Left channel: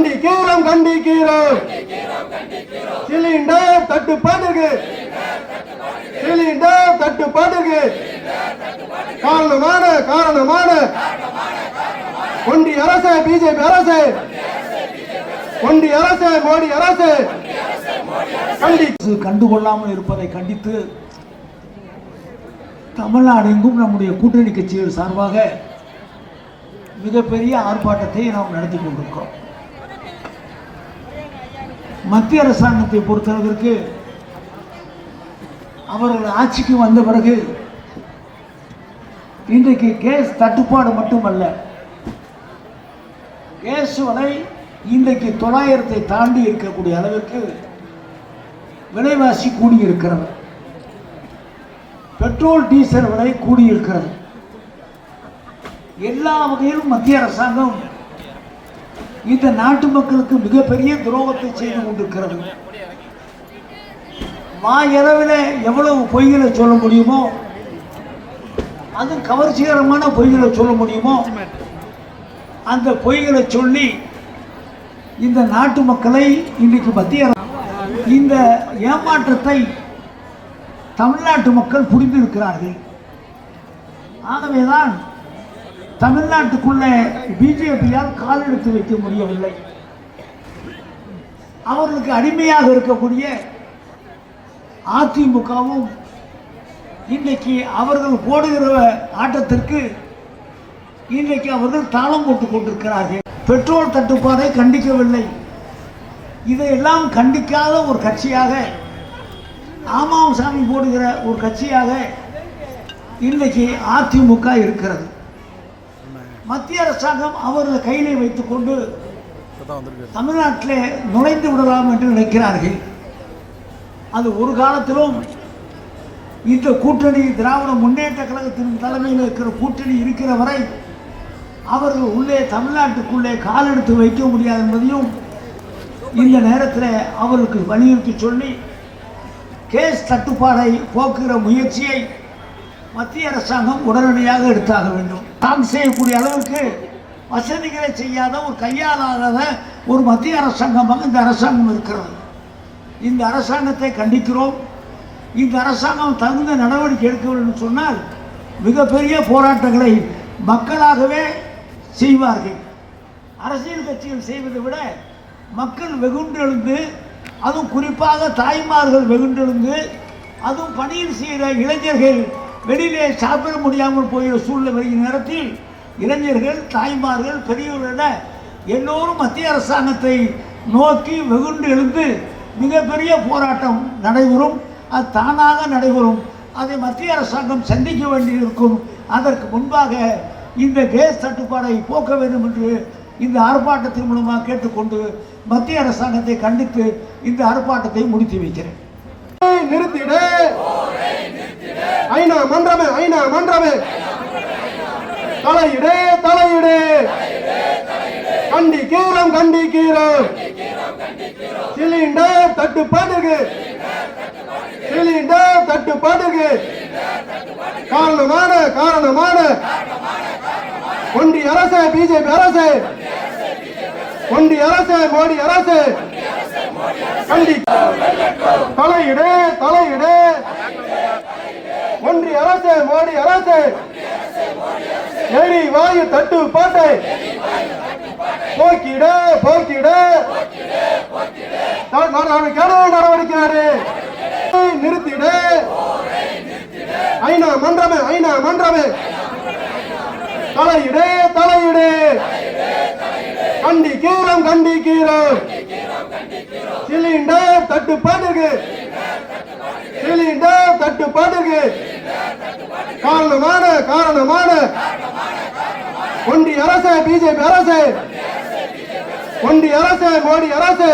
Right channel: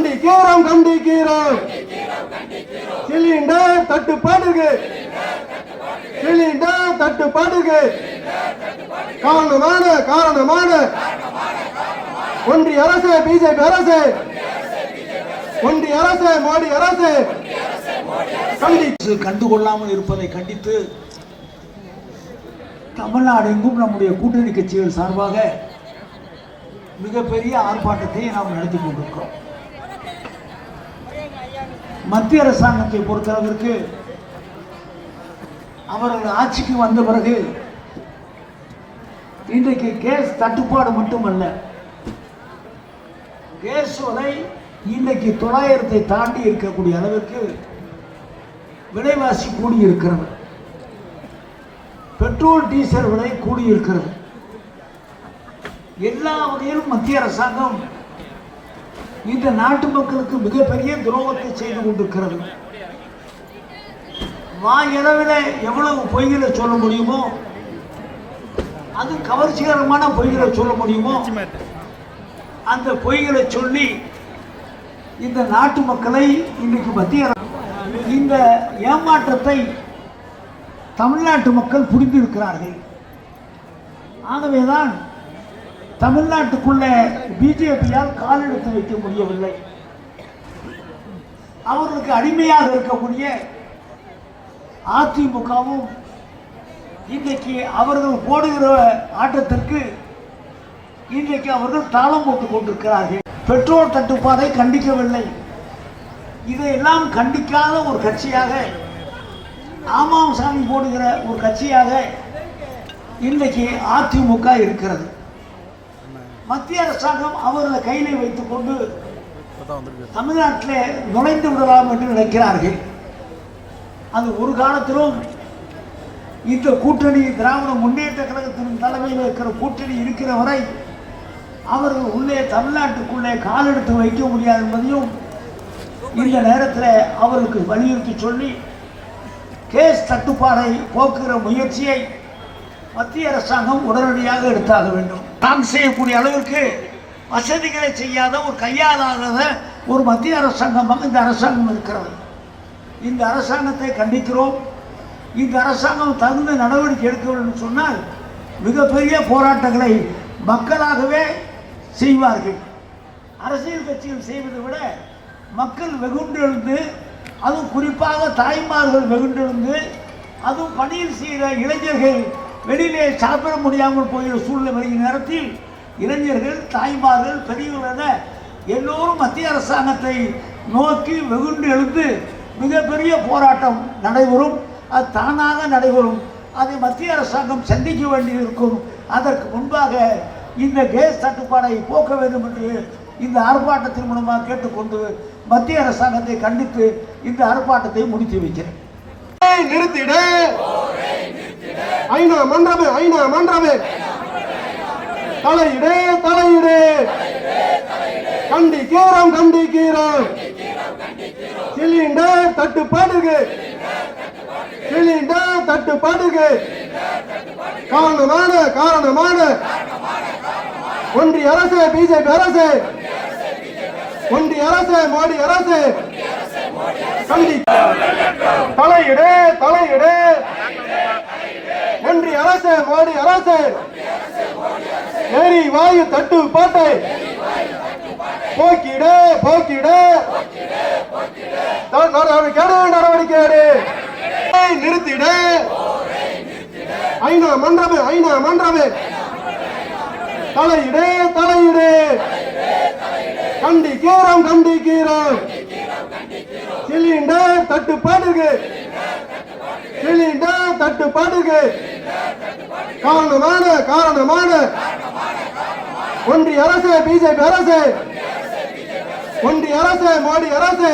கண்டிக்கிறோம் கண்டிக்கிறோம் சிலிண்டர் தட்டுப்பாடுக்கு காரணமான ஒன்றிய அரசு பிஜேபி அரசு ஒன்றிய அரசு மோடி அரசு கண்டுகொள்ளாமல் இருப்பதை கண்டித்து தமிழ்நாடு எங்கும் நம்முடைய கூட்டணி கட்சிகள் சார்பாக மிகப்பெரிய ஆர்ப்பாட்டத்தை நாம் நடத்தி கொண்டிருக்கிறோம். மத்திய அரசாங்கத்தை பொறுத்தளவிற்கு அவர்கள் ஆட்சிக்கு வந்த பிறகு இன்றைக்கு கேஸ் தட்டுப்பாடு மட்டுமல்ல, கேஸ் விலை இன்றைக்கு 900 தாண்டி இருக்கக்கூடிய அளவிற்கு விலைவாசி கூடியிருக்கிறது. பெட்ரோல் டீசல் விலை கூடியிருக்கிறது. எல்லா வகையிலும் மத்திய அரசாங்கம் இந்த நாட்டு மக்களுக்கு மிகப்பெரிய துரோகத்தை செய்து கொண்டிருக்கிறது. வாயளவில் எவ்வளவு பொய்களை சொல்ல முடியுமோ, அது கவர்ச்சிகரமான பொய்களை சொல்ல முடியுமோ, அந்த பொய்களை சொல்லி இந்த நாட்டு மக்களை இன்றைக்கு மத்திய இந்த ஏமாற்றத்தை தமிழ்நாட்டு மக்கள் புரிந்திருக்கிறார்கள். ஆகவேதான் தமிழ்நாட்டுக்குள்ளே பிஜேபியால் கால் எடுத்து வைக்க முடியவில்லை. அவர்களுக்கு அடிமையாக இருக்கக்கூடிய அதிமுகவும் இன்றைக்கு அவர்கள் போடுகிற ஆட்டத்திற்கு இன்றைக்கு அவர்கள் தாளம் போட்டுக் கொண்டிருக்கிறார்கள். பெட்ரோல் தட்டுப்பாடை கண்டிக்கவில்லை. இதையெல்லாம் கண்டிக்காத ஒரு கட்சியாக, ஆமாசாமி போடுகிற ஒரு கட்சியாக இன்றைக்கு அதிமுக இருக்கிறது. மத்திய அரசாங்கம் அவர்களை கையிலே வைத்துக் கொண்டு தமிழ்நாட்டில் நுழைந்து விடலாம் என்று நினைக்கிறார்கள். அது ஒரு காலத்திலும் இந்த கூட்டணி, திராவிட முன்னேற்ற கழகத்தின் தலைமையில் இருக்கிற கூட்டணி இருக்கிற வரை அவர்கள் உள்ளே தமிழ்நாட்டுக்குள்ளே கால் எடுத்து வைக்க முடியாது என்பதையும் இந்த நேரத்தில் அவருக்கு வலியுறுத்தி சொல்லி கேஸ் தட்டுப்பாடை போக்குகிற முயற்சியை மத்திய அரசாங்கம் உடனடியாக எடுத்தாக வேண்டும். நாம் செய்யக்கூடிய அளவிற்கு வசதிகளை செய்யாத, ஒரு கையாளாத ஒரு மத்திய அரசாங்கமாக இந்த அரசாங்கம் இருக்கிறது. இந்த அரசாங்கத்தை கண்டிக்கிறோம். இந்த அரசாங்கம் தகுந்த நடவடிக்கை எடுக்க வேண்டும் சொன்னால் மிகப்பெரிய போராட்டங்களை மக்களாகவே செய்வார்கள். அரசியல் கட்சிகள் செய்வதை விட மக்கள் வெகுண்டு எழுந்து, அதுவும் குறிப்பாக தாய்மார்கள் வெகுண்டு எழுந்து, அதுவும் பணியில் செய்கிற இளைஞர்கள் வெளியிலே சாப்பிட முடியாமல் போகிற சூழ்நிலை வருகிற நேரத்தில் இளைஞர்கள், தாய்மார்கள், பெரியவர்கள் எல்லோரும் மத்திய அரசாங்கத்தை நோக்கி வெகுண்டு எழுந்து மிகப்பெரிய போராட்டம் நடைபெறும். அது தானாக நடைபெறும். அதை மத்திய அரசாங்கம் சந்திக்க வேண்டியிருக்கும். அதற்கு முன்பாக இந்த கேஸ் தட்டுப்பாடை போக்க வேண்டும் என்று இந்த ஆர்ப்பாட்டத்தின் மூலமாக கேட்டுக்கொண்டு மத்திய அரசாங்கத்தை கண்டித்து இந்த ஆர்ப்பாட்டத்தை முடித்து வைக்கிறேன். நிறுத்திடு, ஐநா மன்றமே, ஐநா மன்றமே, தலையிடு, தலையிடு, கண்டிக்கிறோம் கண்டிக்கிறோம் சிலிண்டர் தட்டுப்பாடுக்கு காரணமான ஒன்றிய அரசு பிஜேபி அரசு ஒன்றிய அரசு மோடி அரசு தலையிடு, தலையிடு, ஒன்றிய அரசு மோடி அரசு எரிவாயு தட்டுப்பாட்டை போக்கிட நடவடிக்கை நிறுத்திட, ஐநா மன்றமே, தலையிடு, தலையிடு, கண்டிக்கிறோம் சிலிண்டர் தட்டுப்பாடுக்கு காரணமான ஒன்றிய அரசு பிஜேபி அரசு ஒன்றிய அரசு மோடி அரசு